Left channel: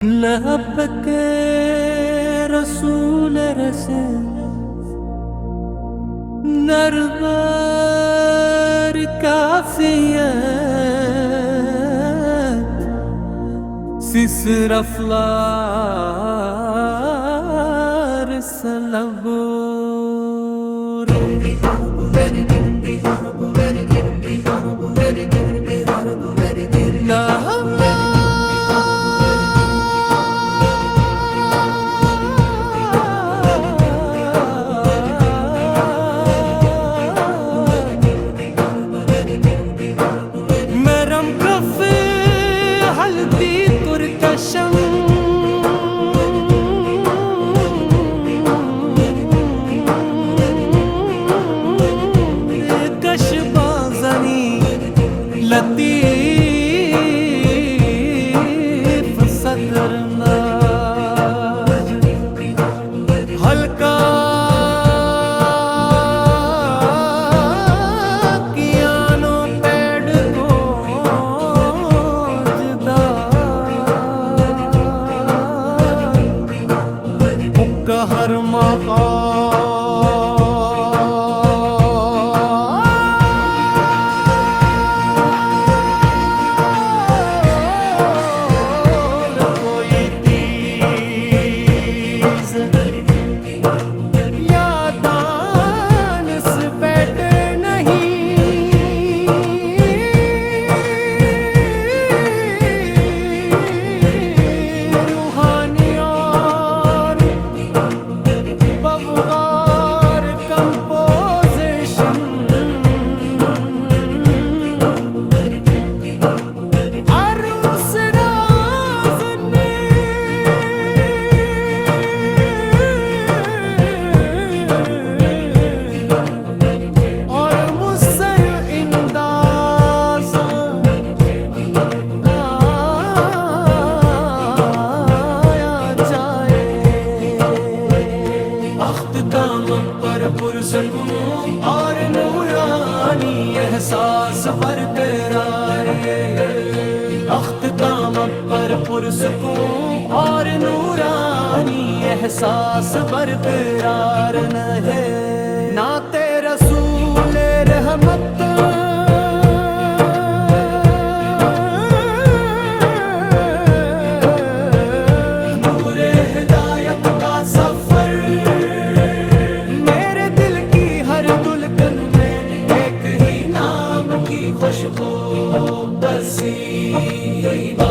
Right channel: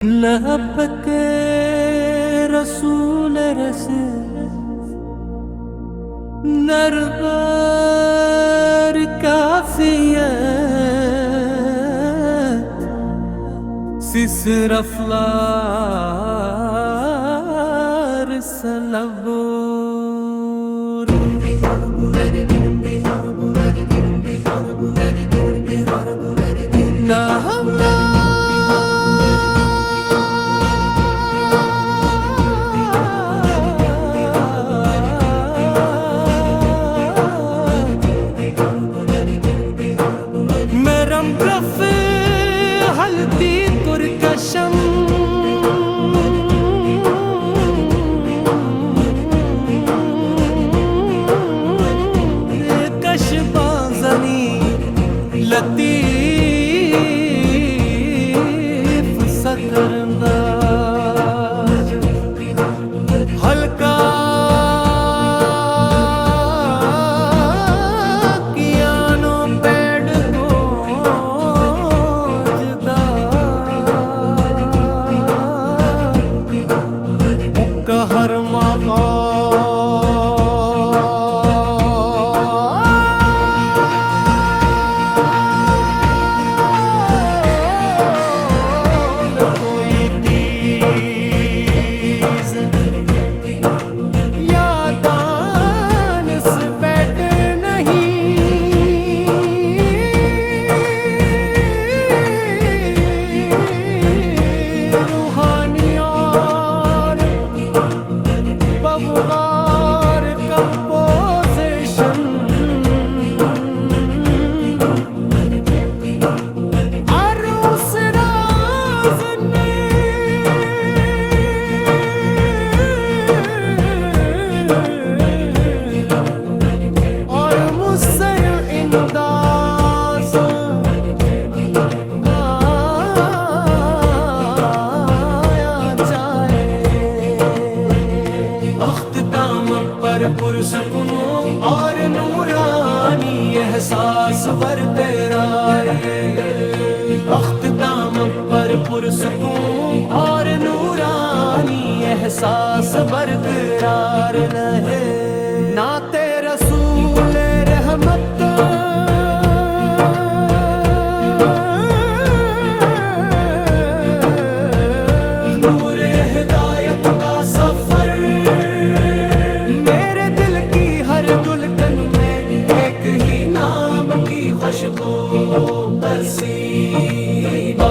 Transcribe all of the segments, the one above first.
لبک رسول رسل نربر کافیت سسر افلار سلبور مرم کفی ہلدی ترکشم کش بازنی لطیف سطر ناج ہلکا ہر مقال کوئی تیز یا دانس بیٹھے نہیں روحانی بغار کمپوزیشن عروس راز نے اور مصر انداز آیا جائے اختتام پر پرسکون اور نورانی احساس برقرار اختتام پر پرسکون اور نورانی احساس برقرار رہے نعت رسول رحمت نور ہدایت کا سفر ہر دلکن میں ایک ہی نام کی خوشبو بسیبا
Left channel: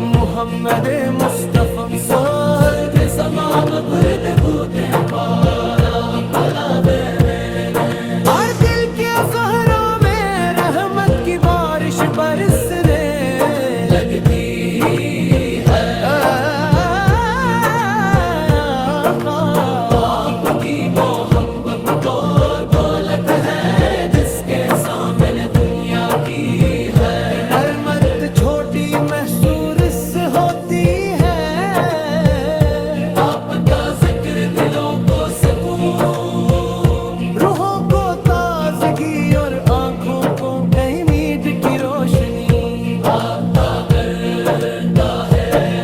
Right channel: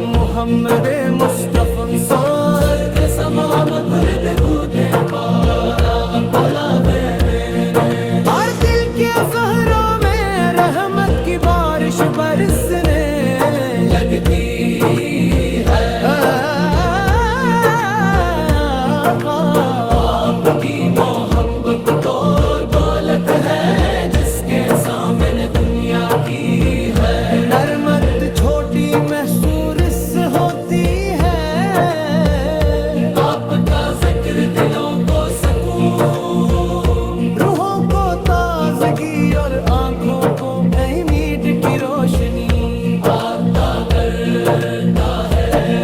محمد مصطفیٰ صوت زمام بھر میں بھوتے بالا بولا دے اور دل کے صحرا میں رحمت کی بارش برسنے لگتی ہے آپ کی محبت تو دولت ہے جس کے سامنے دنیا کی ہے نرمت چھوٹی محسوس ہوتی ہے آپ کا ذکر دلوں کو سکون روحوں کو تازگی اور آنکھوں کو امید کی روشنی عطا کرتا ہے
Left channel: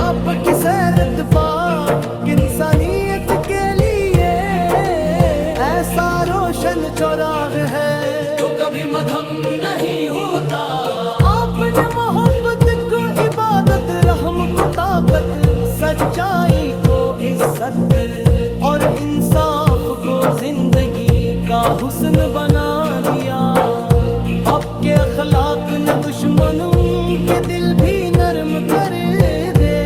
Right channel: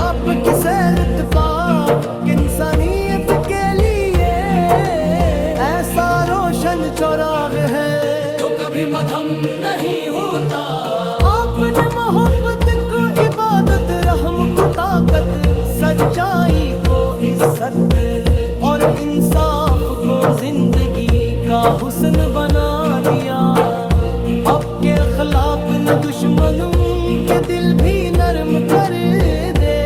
آپ کی سیرت پاک انسانیت کے لیے ایسا روشن چراغ ہے جو کبھی مدھم نہیں ہوتا آپ نے محبت کو عبادت رحم کو طاقت سچائی کو عزت اور انصاف کو زندگی کا حسن بنا دیا آپ کے اخلاق نے دشمنوں کے دل بھی نرم کر دے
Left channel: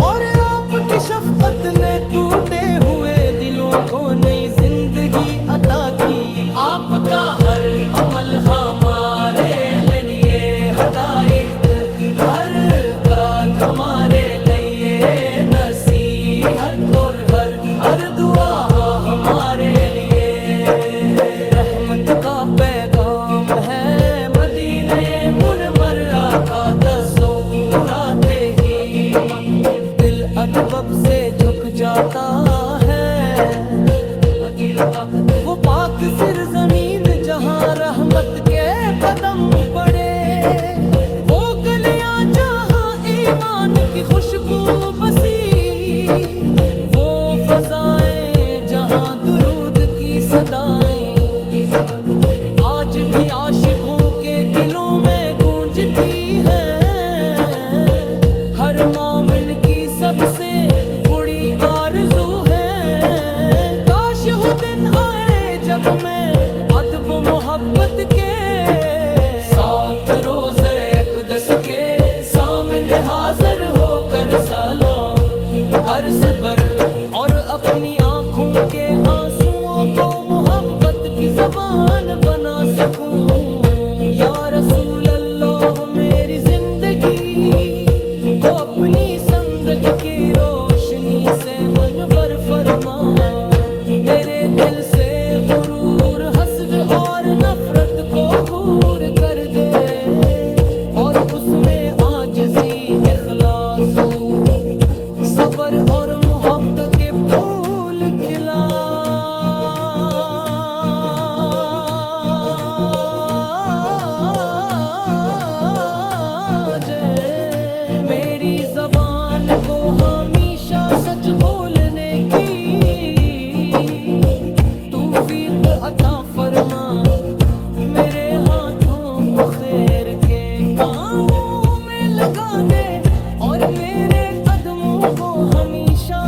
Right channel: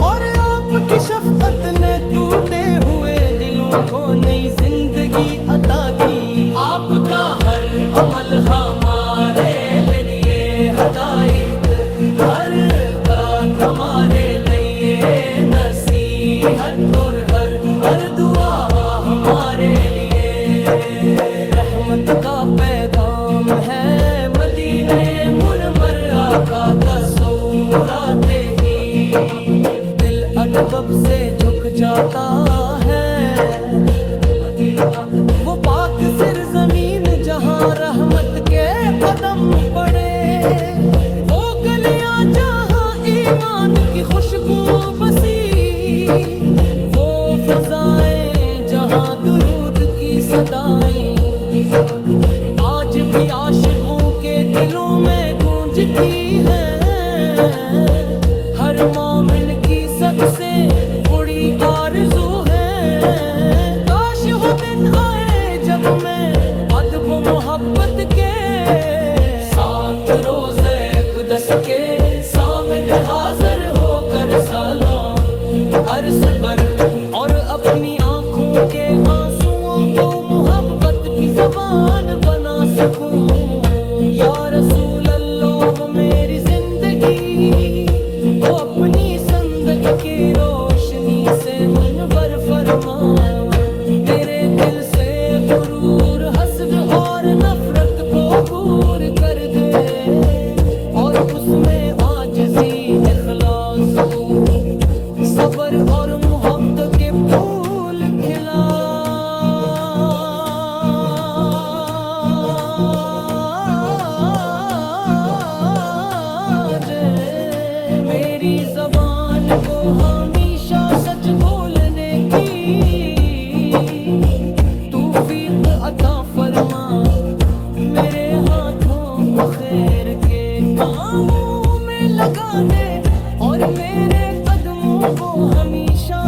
اور آپ کی شفقت نے ٹوٹے ہوئے دلوں کو نئی زندگی عطا کی آپ کا ہر عمل ہمارے لیے ہدایت ہر بات ہمارے لیے نصیحت اور ہر دعا ہمارے لیے رحمت کا پیغام ہے مدینہ منورہ کا تصورات ہی دل ادب سے جھک جاتا ہے وہ پاک سرزمین جہاں رحمت کے قدم پڑے وہ گلیاں جہاں ایمان صدائیں آج بھی عاشقوں کے دلوں میں گونجتی ہیں، ہر مومن کی سب سے بڑی آرزو ہے، کاش وہ دن آئے جب میں ادب و محبت کے ساتھ روزے اقدس کے سامنے حاضر ہو کر سلام عرض بر اور اپنی آنکھوں کے آنسوؤں کو محبت کی زبان بنا سکوں۔ یا رسول اللہ میری زندگی کو اپنی سنگت کی روشنی سے منور فرما، میرے دل سے غرور حسد اور نفرت کو دور کر دے، اور اس میں عاجزی اخلاص صبر اور محبت کے پھول کھلا جے، میری زبان کو ہمیشہ سچ بولنے کی توفیق عطا فرما، میرے ہاتھوں کو خیر کے کاموں میں لگا دے، اور میرے قدموں کو ہمیشہ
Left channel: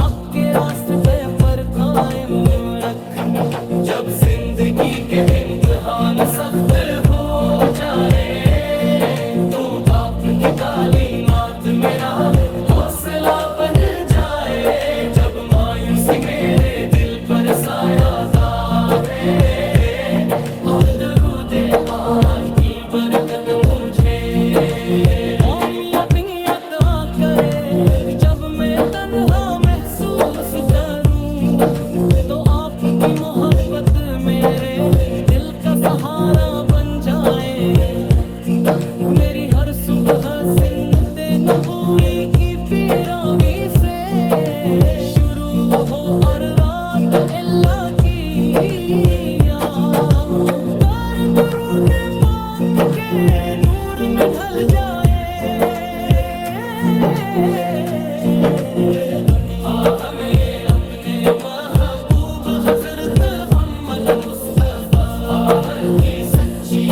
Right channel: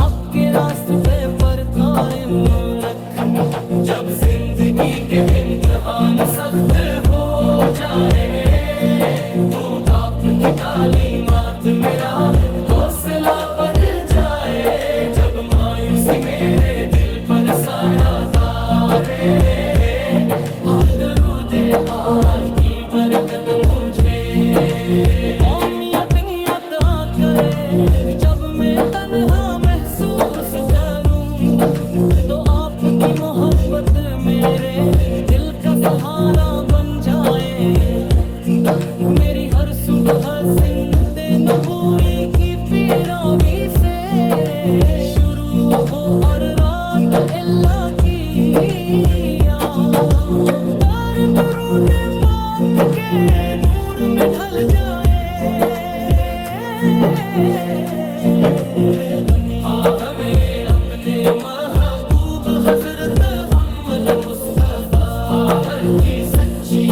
حق کے راستے پر قائم رکھ، جب زندگی کے امتحان سخت ہو جائے تو باپ کی تعلیمات میرا حوصلہ بن جائے، جب مایوسی میرے دل پر سایہ دارے اور درود پاک کی برکت مجھے عطا کرے، جب میں تنہا محسوس کروں تو آپ کی محبت میرے دل کا سہارا بن جائے، میری ہر صبح سنت نبوی کی پیروی سے شروع ہو اور رات اللہ کی یاد در درود پاک کے نور میں ڈھل جائے، ہمیں اپنے محبوب حضرت محمد مصطفیٰ کی سچی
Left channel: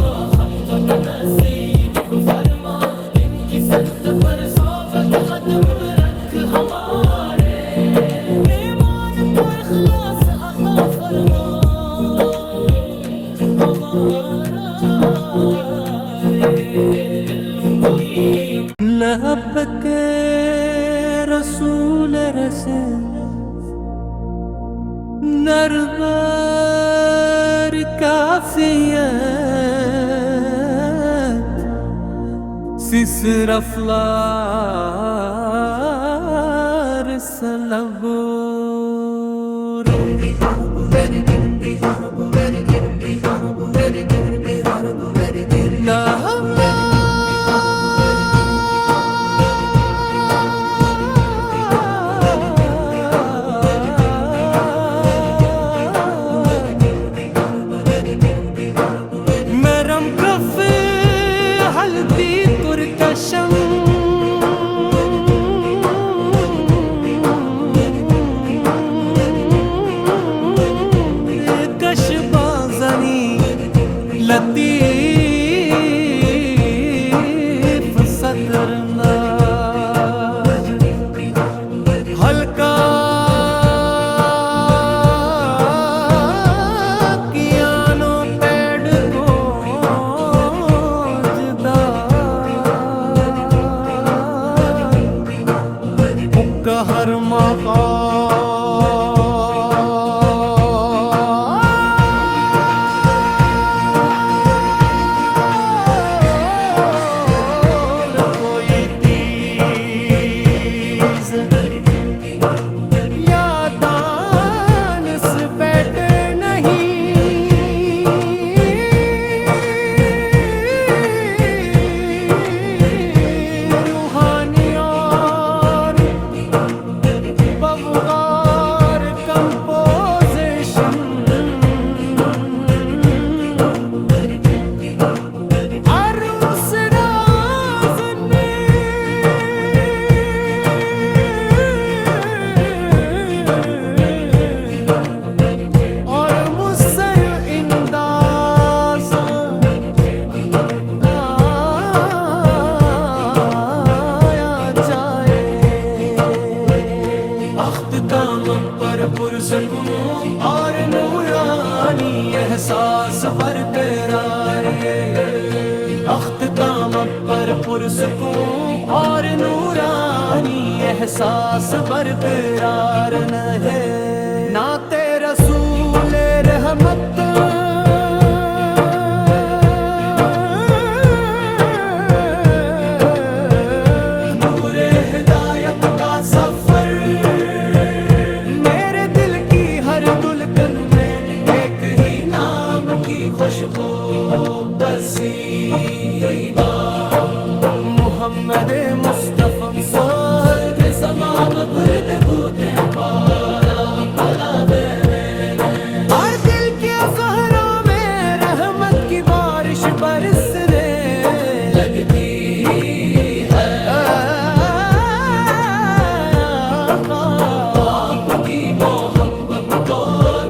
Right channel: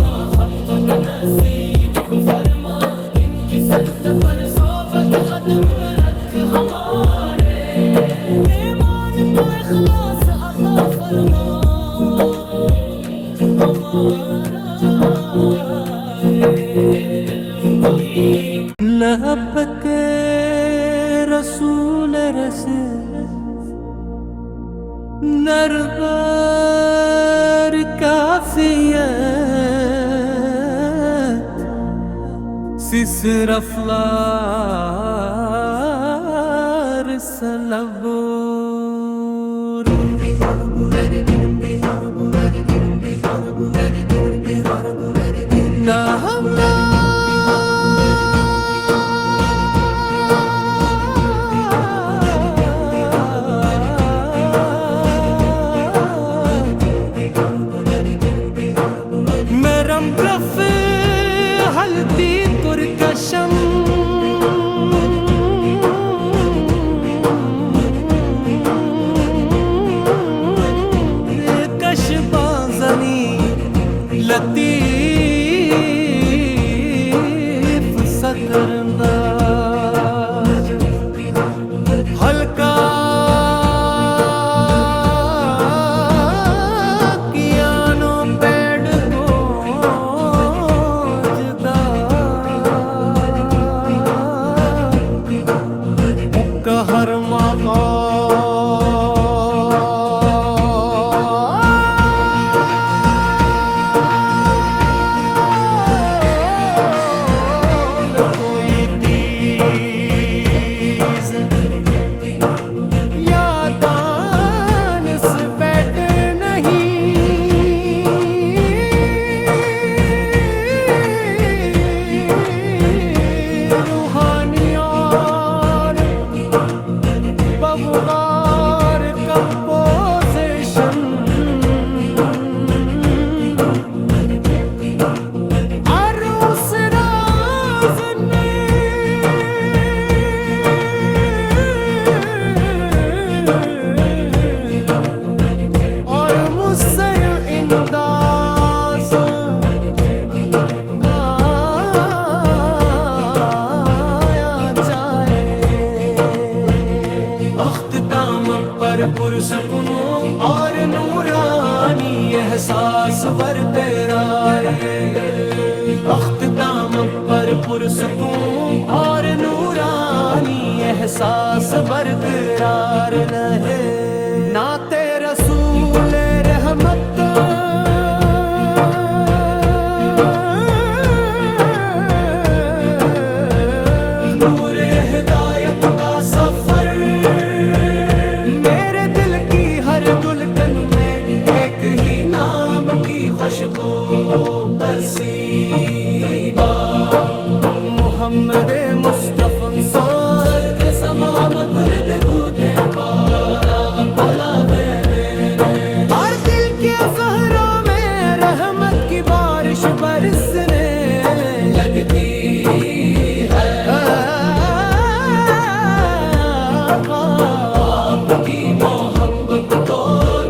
محبت نصیب فرما، ان کی سنت پر صحبت قدم رکھ، ہمارے ایمان کو اخلاص عطا فرما، ہمارا دلوں کو لبک رسول رسول نربر کافیت سسر افلار سلبور مرم کف ہلدی ترکشم کش بازنی لطیف صدر ناز ہلکا ہر مقام کوئی تیز یا دانس بیٹھے نہیں، روحانی بغار کمپوزیشن عروس راز نے پرسکون اور نورانی احساس برقرار اختتام پر پرسکون اور نورانی احساس برقرار رہے نعت رسول رحمت نور ہدایت کا سفر میرے دل کی ہر دلکن میں ایک ہی نام کی خوشبو بسیبا محمد مصطفیٰ صوت زمام بھر میں بودے پالا پلا دے اور دل کے صحرا میں رحمت کی بارش برسنے لگتی ہے آپ کی محبت تو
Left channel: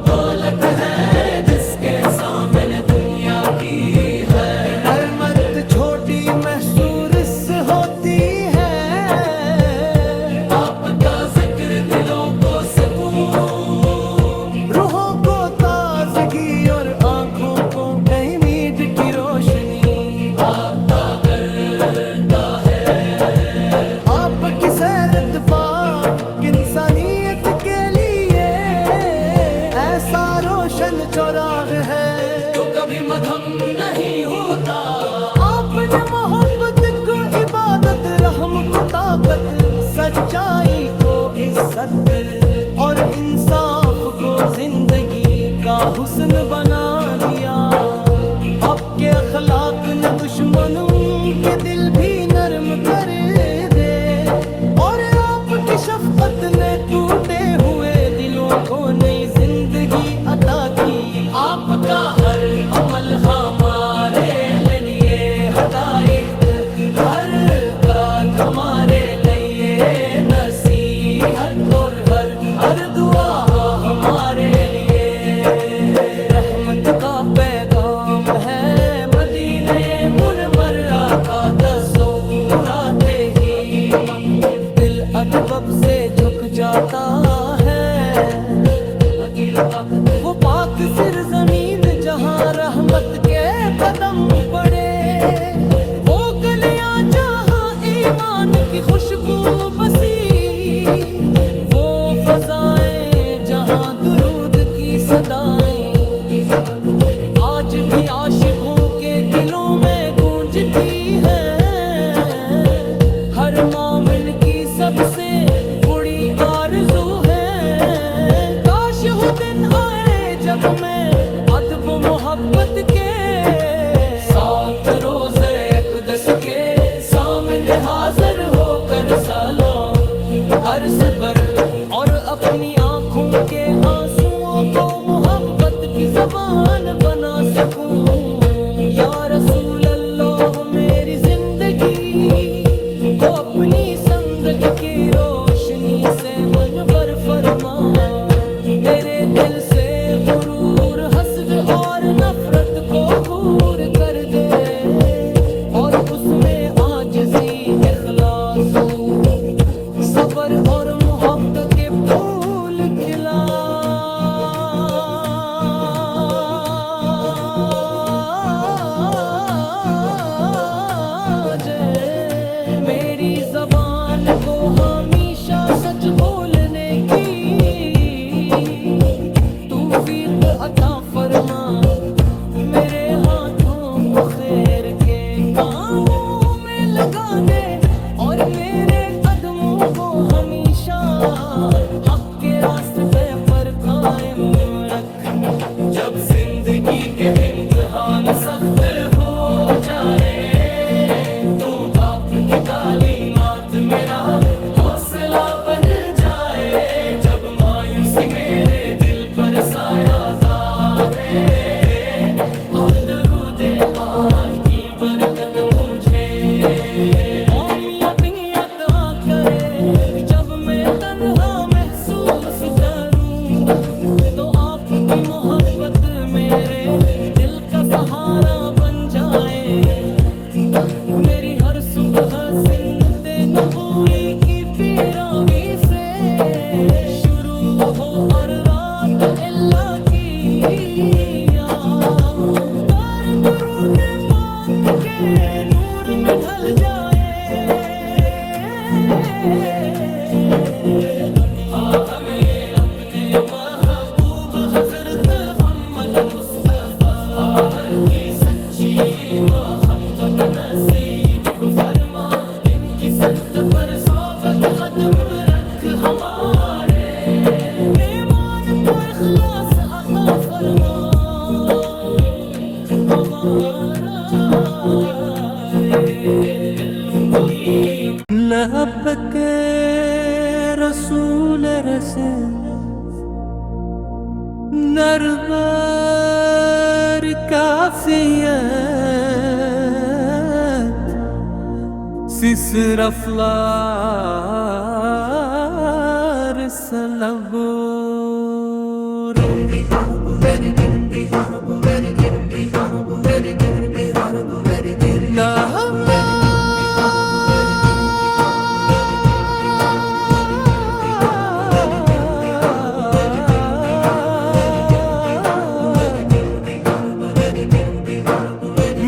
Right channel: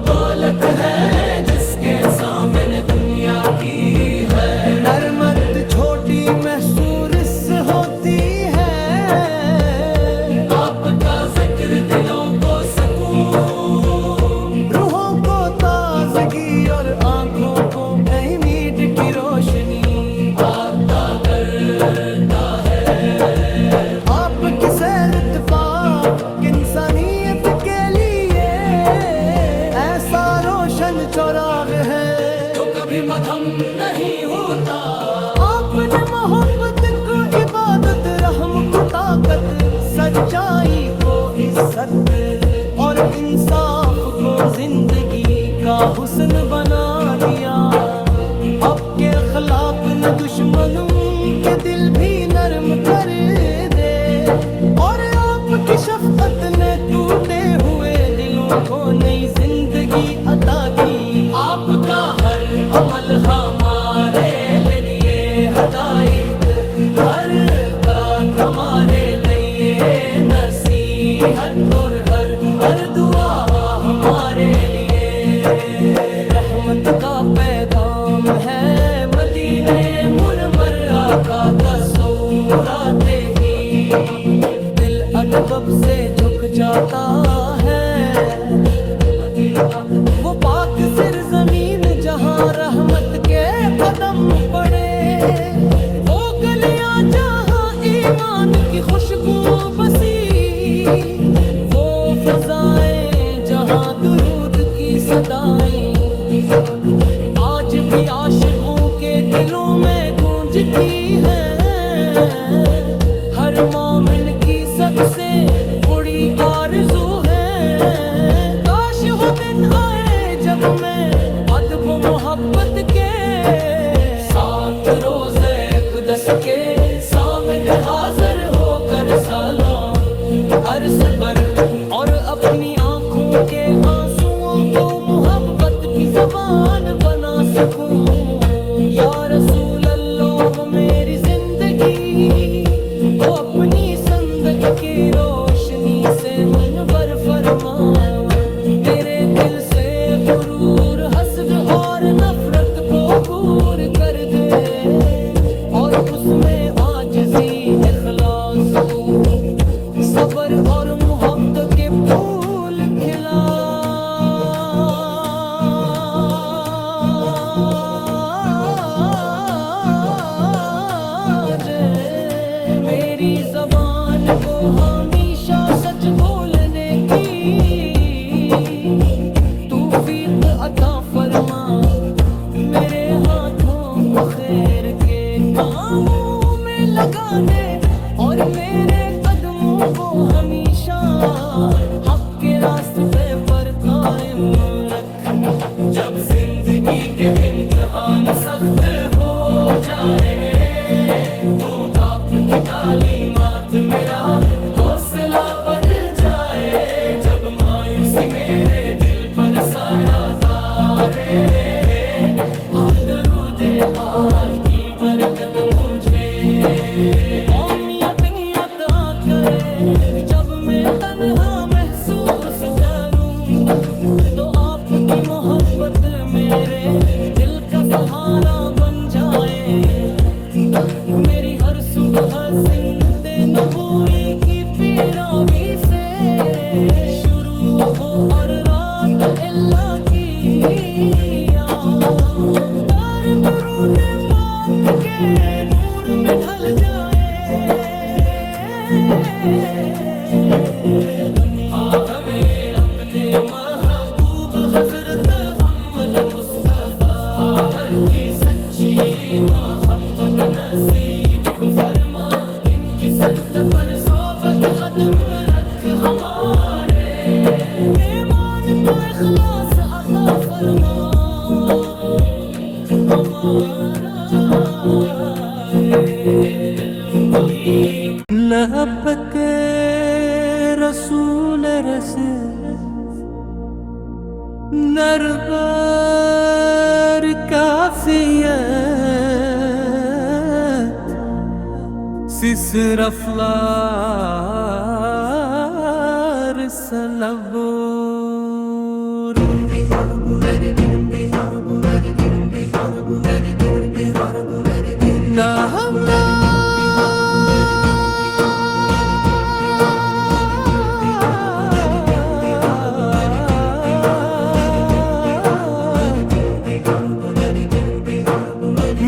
دولت ہے جس کے سامنے دنیا کی ہے نرمت چھوٹی محسوس ہوتی ہے آپ کا ذکر دلوں کو سکون روحوں کو تازگی اور آنکھوں کو امید کی روشنی عطا کرتا ہے آپ کی سیرت پاک انسانیت کے لیے ایسا روشن چراغ ہے جو کبھی مدھم نہیں ہوتا آپ نے محبت کو عبادت رحم کو طاقت سچائی کو عزت اور انصاف کو زندگی کا حسن بنا دیا آپ کے اخلاق نے دشمنوں کے دل بھی نرم کر دے اور آپ کی شفقت نے ٹوٹے ہوئے دلوں کو نئی زندگی عطا کی آپ کا ہر عمل ہمارے لیے ہدایت ہر کام ہمارے لیے نصیحت اور ہر دعا ہمارے لیے رحمت کا پیغام ہے مدینہ منورہ کا تصور آتے ہی دل ادب سے جھک جاتا ہے وہ پاک سرزمین جہاں رحمت کے قدم پڑے وہ گلیاں جہاں ایمان کی خوشبو بسی وہ فضائیں جہاں درود کی صدائیں آج بھی عاشقوں کے دلوں میں گونجتی ہیں ہر مومن کی سب سے بڑی آرزو ہے کاش وہ دن آئے جب میں ادب و محبت کے ساتھ روزے اقدس کے سامنے حاضر ہو کر سلام عرض بر اور اپنی آنکھوں کے آنسوؤں کو محبت کی زبان بنا سکوں یا رسول اللہ میری زندگی کو اپنی سنگت کی روشنی سے منور فرما میرے دل سے غرور حسد اور نفرت کو دور کر دے اور اس میں عاجزی اخلاص صبر اور محبت کے پھول کھلا جے میری زبان کو ہمیشہ سچ بولنے کی توفیق عطا فرما میرے ہاتھوں کو خیر کے کاموں میں لگا دے اور میرے قدموں کو ہمیشہ حق کے راستے پر قائم رکھ جب زندگی کے امتحان سخت ہو جائے تو باپ کی تعلیمات میرا حوصلہ بن جائے جب مایوسی میرے دل پر سایہ دارے اور درود پاک کی برکت مجھے عطا کرے جب میں تنہا محسوس کروں تو آپ کی محبت میرے دل کا سہارا بن جائے میری ہر صبح سنت نبوی کی پیروی سے شروع ہو اور رات اللہ کی درود پاک کے نور میں ڈھل جائے ہمیں اپنے محبوب حضرت محمد مصطفیٰ کی سچی محبت نصیب فرما ان کی سنت پر صحبت قدم رکھ ہمارے ایمان کو اخلاص عطا فرما ہمارا دلوں کو لبک رسول رسول نربر کافیت سسر افلار سلبور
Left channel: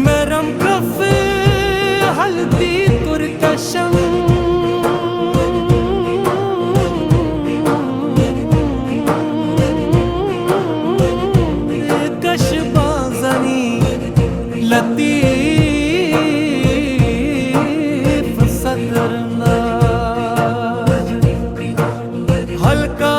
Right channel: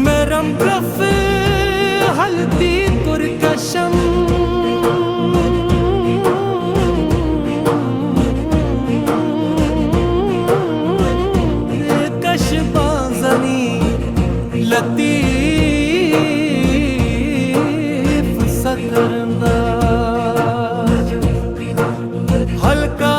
مرم کف ہلدی ترکشم کش بازنی لطیف صدر ناج ہلکا